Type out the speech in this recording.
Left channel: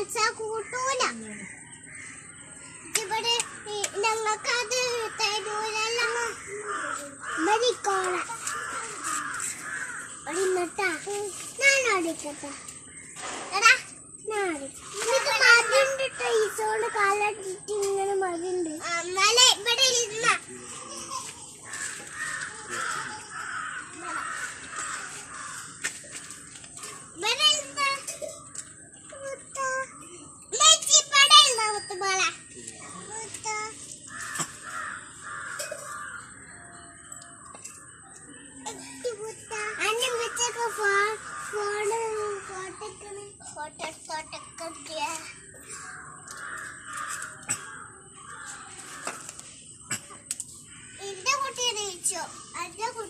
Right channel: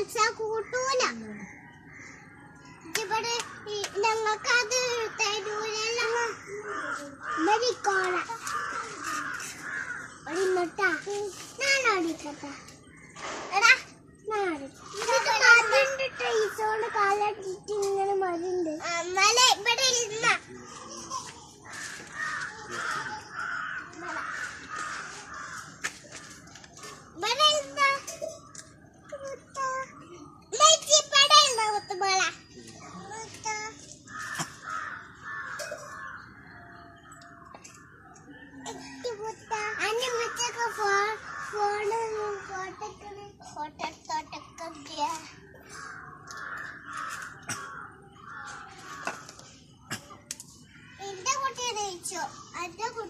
മത്സ കൂട്ടൂല. ഇവിടെ ഞങ്ങൾക്ക് അത് തരൂലല്ലോ. മരിക്കോള ഒടിന്നട്ടാ ഞാൻ ഓടിക്കട്ടെ. എന്റെ കുട്ടിയെ ജയിച്ചോ എന്റെ കുട്ടി